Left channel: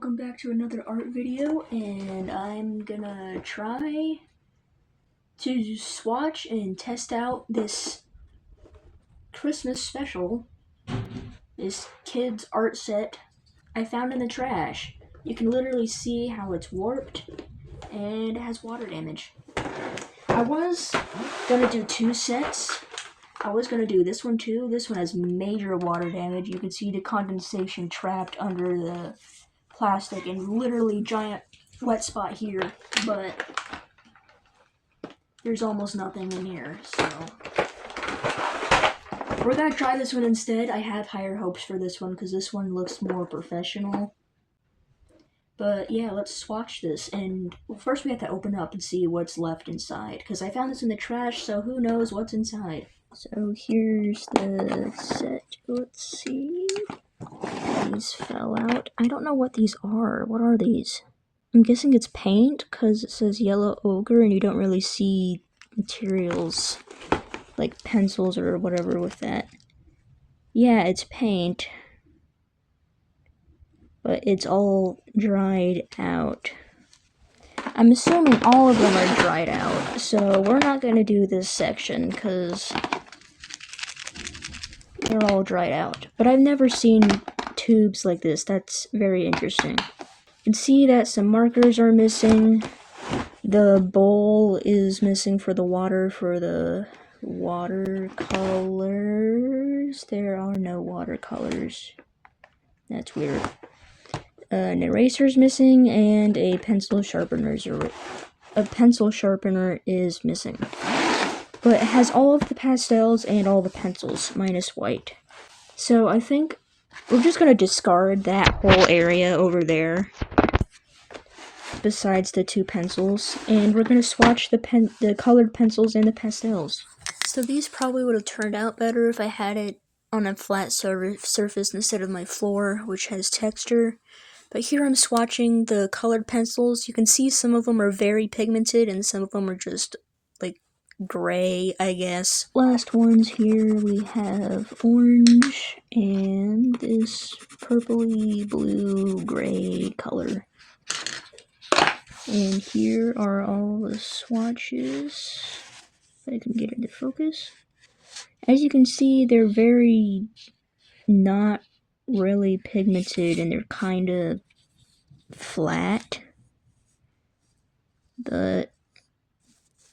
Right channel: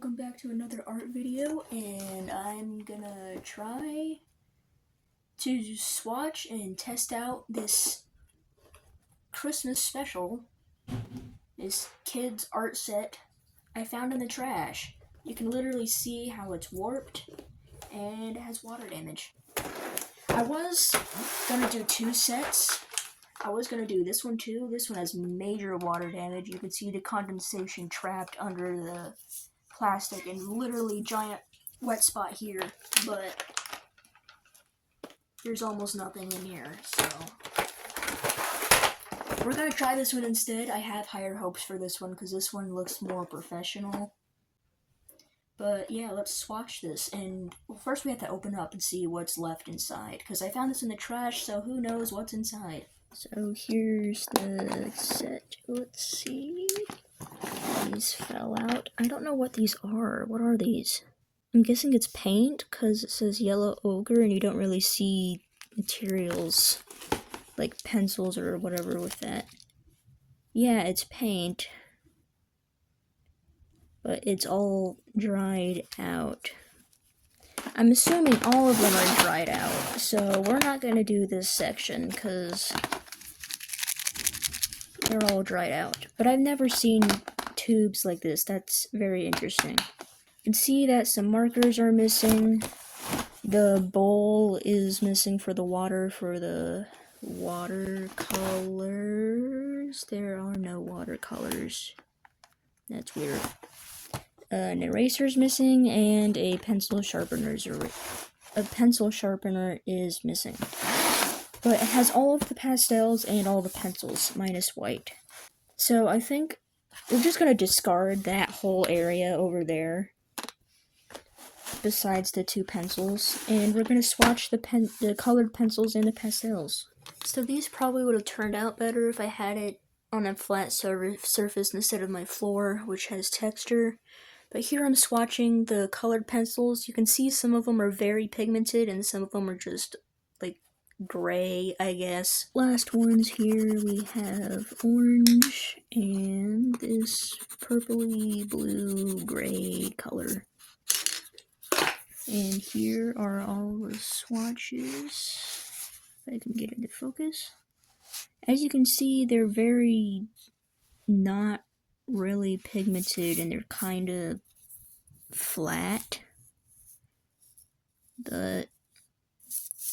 Welcome back to another art video, and I'm gonna try to swatch and test out this Christmas special, this kids art set I found in the trash. You can literally see how it's warped and it has water damage. I was gonna do two sets. I was gonna do this one too. This one has major water damage. You can see the condensation trapped under the plastic and literally giant wet spot here, but there's almost nothing in here, so we're gonna try this one instead. I have higher hopes for this one because this one looks more professional. But yeah, let's swatch this, and well, first we have to open up and see what's left inside, because I found this in the trash, so who knows what's inside. So here's the set. Let's see. These fell out. I don't know what these are. What are these? I'm guessing it's paint because it says yellow ochre and you don't really see materials like pencils or whatever with that. Yeah, it's paint, but it's all dried out. I'm assuming all of them are dried out, so we're not going to do this section because they're all dried out. But I've never seen tubes like this. That's very interesting. You can see that some markers are missing. The bowl is missing for the watercolors. There are no watercolors. That's weird. An eraser's missing and a pencil sharpener is missing. But it has all of the pastels and all the pencils, minus white. So I think we're just going to discard that whole area over there, besides the two pencils, and we're going to swatch the colored pencils and the pastels. So these probably would have turned out better if I had it on a flat surface instead of my floor, which has texture. But here I'm swatching the colored pencils. You can see some of them are very pigmented and some of them are just like gray, I guess. Last ones here, we have orange and this purpley blue gray color. And here are all the swatches. If I can get it to focus. As you can see, they're very not really pigmented and they're kind of flat. But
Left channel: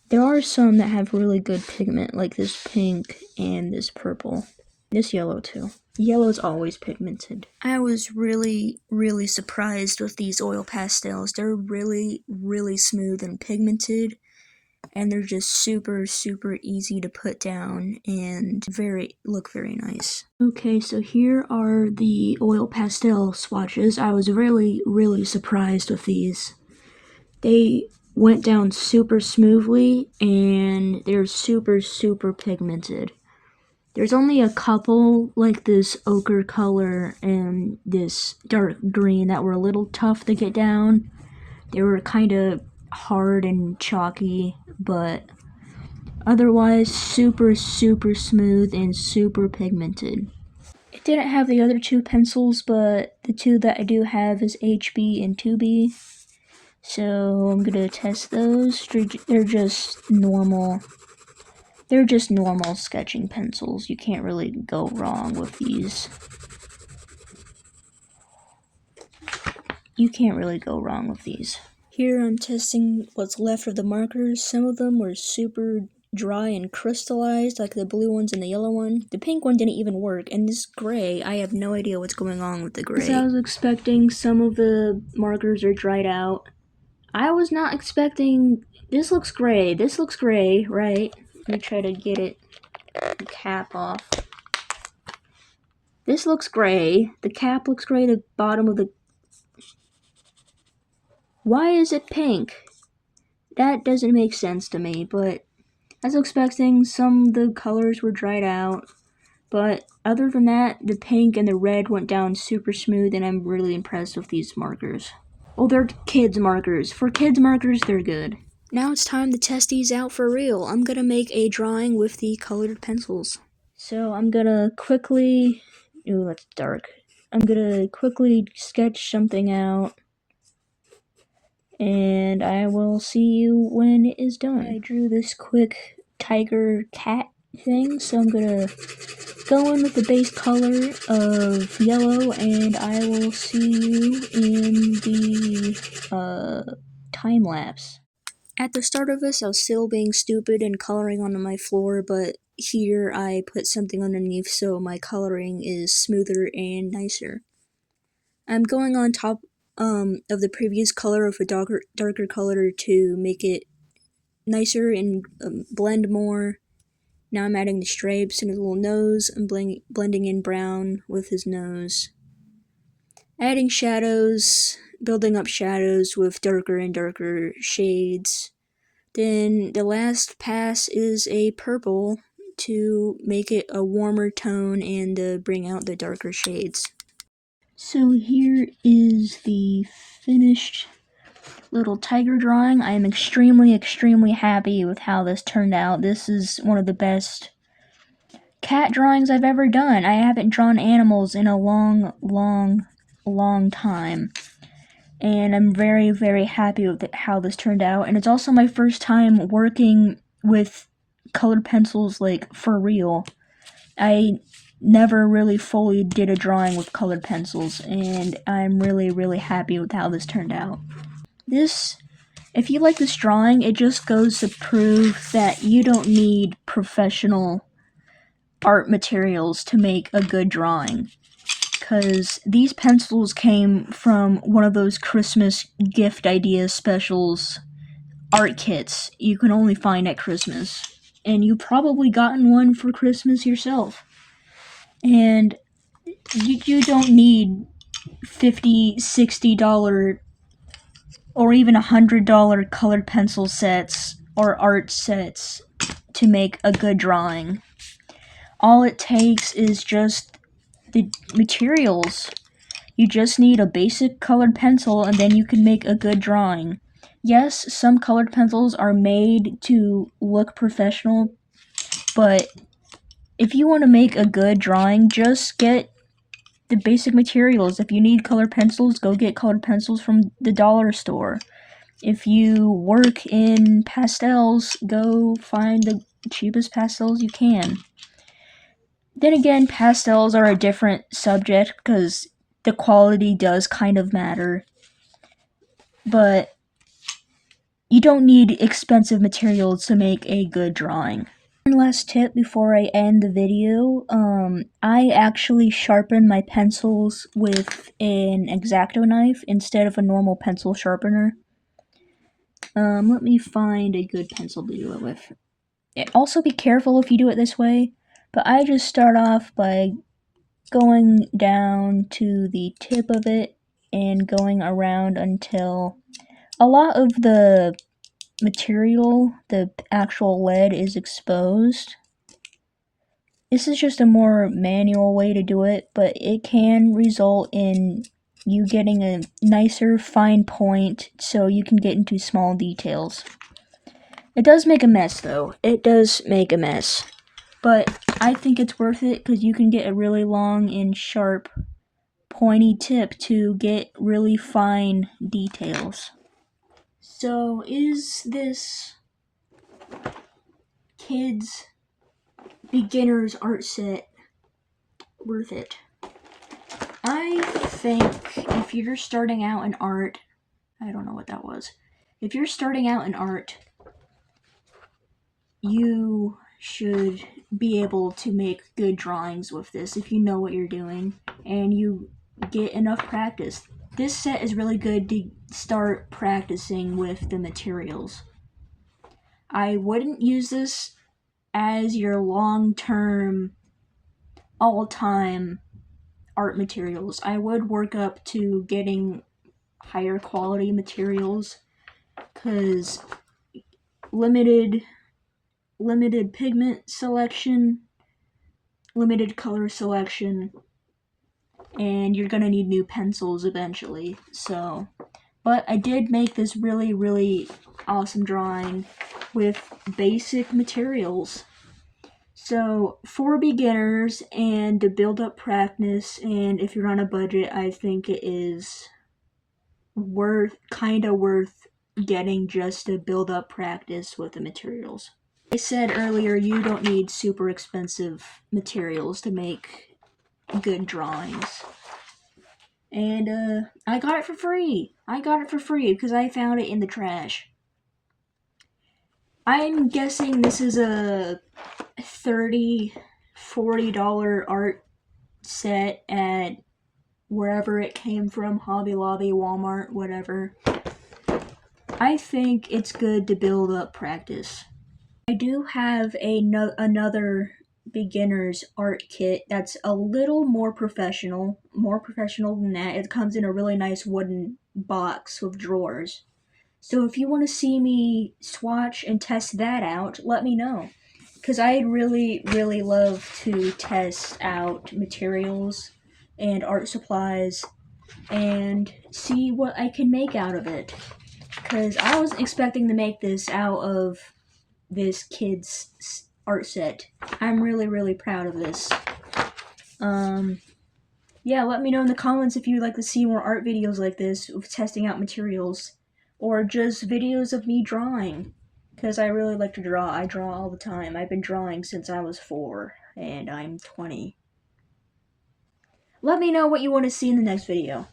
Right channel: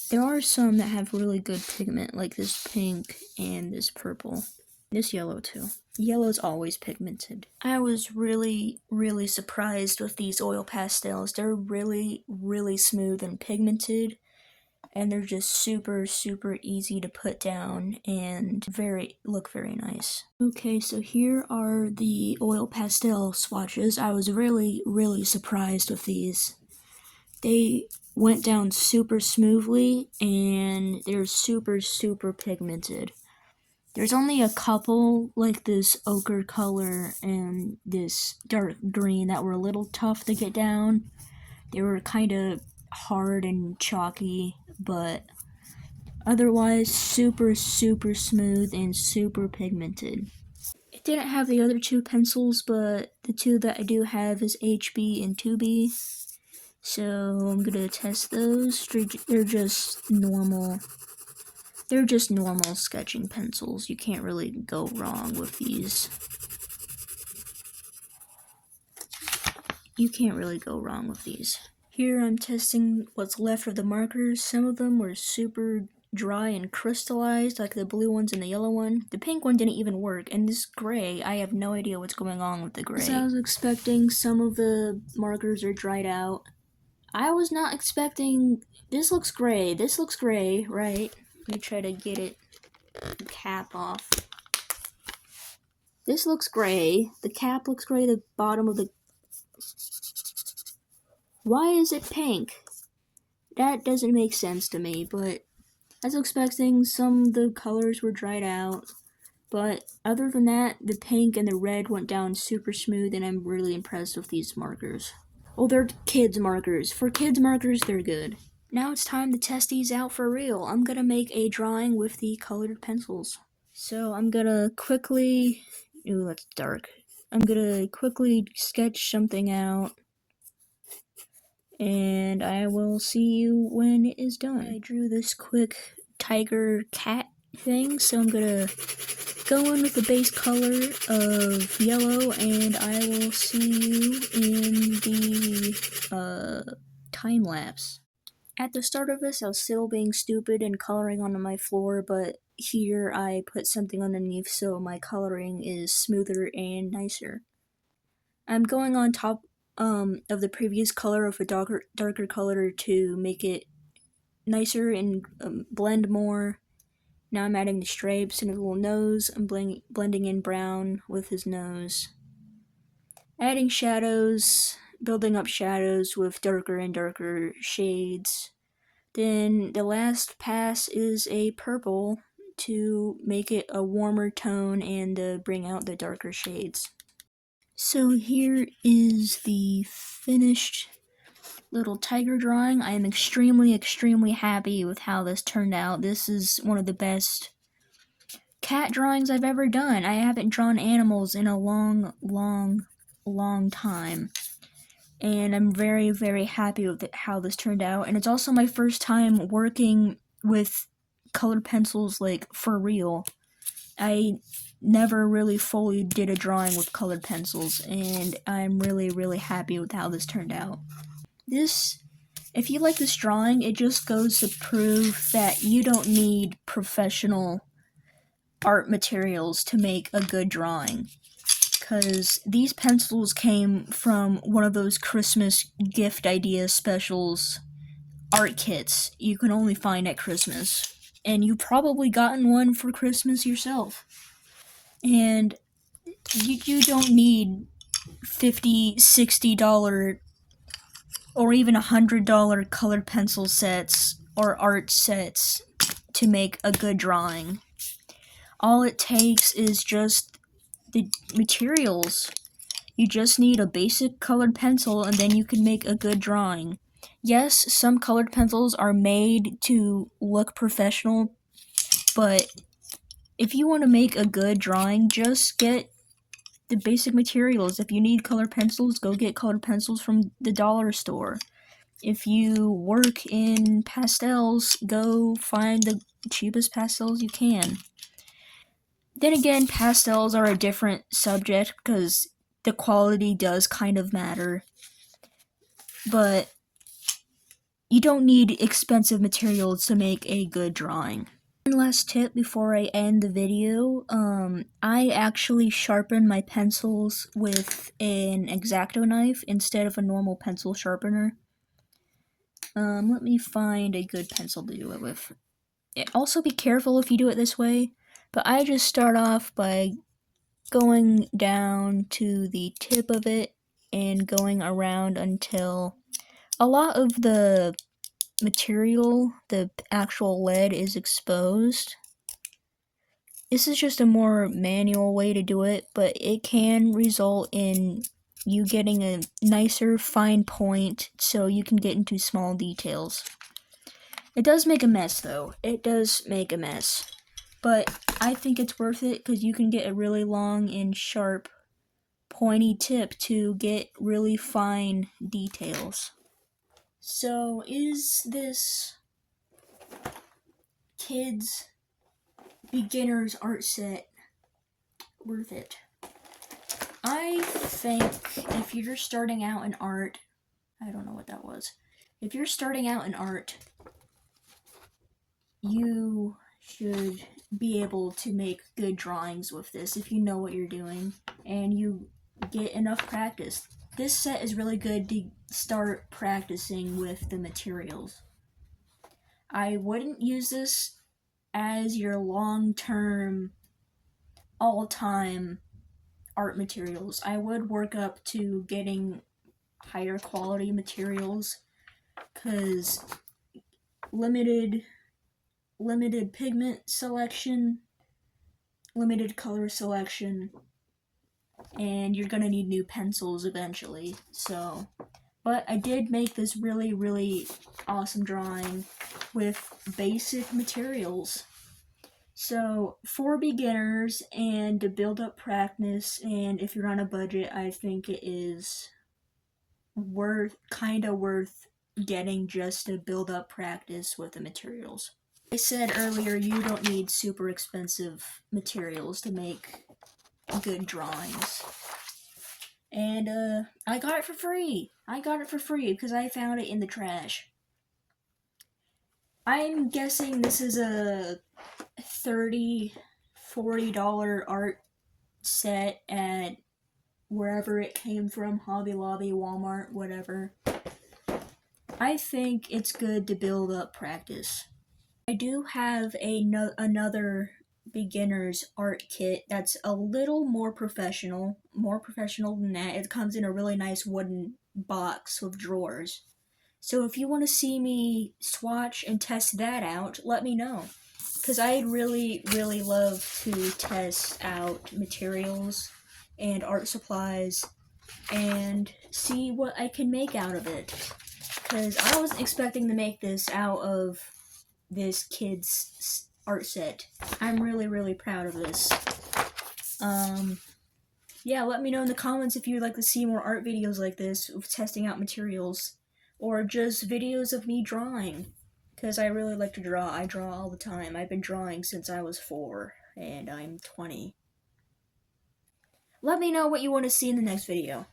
there are some that have really good pigment, like this pink and this purple. This yellow too. Yellow's always pigmented. I was really surprised with these oil pastels. They're really smooth and pigmented, and they're just super easy to put down and look very nice. Okay, so here are the oil pastel swatches. I was really surprised with these. They went down super smoothly and they're super pigmented. There's only a couple, like this ochre color and this dark green, that were a little tough to get down. They were kind of hard and chalky, but otherwise super smooth and super pigmented. It didn't have the other two pencils, but the two that I do have is HB and 2B. So I'm gonna test those. They're just normal. They're just normal sketching pencils. You can't really go wrong with these. You can't really go wrong with these. Here I'm testing what's left of the markers. Some of them were super dry and crystallized, like the blue ones and the yellow one. The pink one didn't even work, and this gray, I have no idea what's going on with the gray. As I was expecting, some of the markers are dried out. I was not expecting... This looks gray. This looks gray, right? Let me try to get the cap off. This looks gray. The cap looks gray. The bottom of the... Why is it pink? That doesn't make sense to me, but as I was expecting, some of the colors were dried out. But other than that, the pink and the red went down super smooth, and I'm really impressed with these markers. Oh, they're kids markers. For kids markers, they're good. Now it's time to test these out for real. I'm gonna make a drawing with the colored pencils. So I'm gonna quickly... Ooh, that's dark. I'm gonna quickly sketch something out, and I will see you when it is done. I drew this quick tiger cat thing, so I'm gonna go in with the base color of yellow, and I will see you in the time lapse. At the start of this, I was still being stupid and coloring onto my floor, but here I put something underneath so my coloring is smoother and nicer. I'm going on top of the previous color of a darker color to make it nicer and blend more. Now I'm adding the stripes and a little nose. I'm blending in brown with his nose. Adding shadows, building up shadows with darker and darker shades. Then the last pass is a purple to make it a warmer tone and to bring out the darker shades. So here is the finished little tiger drawing. I am extremely happy with how this turned out. This is one of the best cat drawings I've ever done. I haven't drawn animals in a long time. And I'm very happy with how this turned out. And it's also my first time working with colored pencils, like, for real. I never really fully did a drawing with colored pencils, and I'm really happy with how this turned out. If you like this drawing, it just goes to prove that you don't need professional art materials to make a good drawing. Because these pencils came from one of those Christmas gift ideas specials art kits you can only find at Christmas. And you've probably gotten one for Christmas yourself. And you don't need $50, $60, or even $100 colored pencil sets or art sets to make a good drawing. All it takes is just the materials. You just need a basic colored pencil, and then you can make a good drawing. Yes, some colored pencils are made to look professional, but if you want to make a good drawing, just get the basic materials. If you need colored pencils, go get colored pencils from the dollar store. If you work in pastels, go find the cheapest pastels you can. Then again, pastels are a different subject because the quality does kind of matter. But you don't need expensive materials to make a good drawing. One last tip before I end the video, I actually sharpen my pencils with an X-Acto knife instead of a normal pencil sharpener. Let me find a good pencil to do it with. Also be careful if you do it this way, but I just start off by going down to the tip of it and going around until a lot of the material, the actual lead, is exposed. This is just a more manual way to do it, but it can result in you getting a nicer fine point so you can get into small details. It does make a mess though. It does make a mess. But I think it's worth it because you can get a really long and sharp pointy tip to get really fine details. So is this kids beginner's art set worth it? I think if you're starting out in art, I don't know what that was. If you're starting out in art, you should be able to make good drawings with this if you know what you're doing and you get enough practice. This set is really good to start practicing with the materials. I wouldn't use this as your long-term, all-time art materials. I would work up to getting higher quality materials because limited pigment selection, limited color selection, and you're gonna need new pencils eventually. So, but I did make this really awesome drawing with basic materials. So for beginners and to build up practice, and if you're on a budget, I think it is kind of worth getting just to build up practice with the materials. I said earlier, you don't need super expensive materials to make good drawings. And I got it for free. I got it for free because I found it in the trash. I'm guessing this is a $30, $40 art set at wherever it came from, Hobby Lobby, Walmart, whatever. I think it's good to build up practice. I do have another beginner's art kit that's a little more professional than that. It comes in a really nice wooden box with drawers. So if you want to see me swatch and test that out, let me know. Because I'd really, really love to test out materials and art supplies and see what I can make out of it. Because I wasn't expecting to make this out of this kid's art set. I'm really, really proud of this. Yeah, let me know in the comments if you'd like to see more art videos like this of testing out materials, or just videos of me drawing, because I really like to draw. I draw all the time. I've been drawing since I was 4, and I'm 20. Let me know what you want to see in the next video.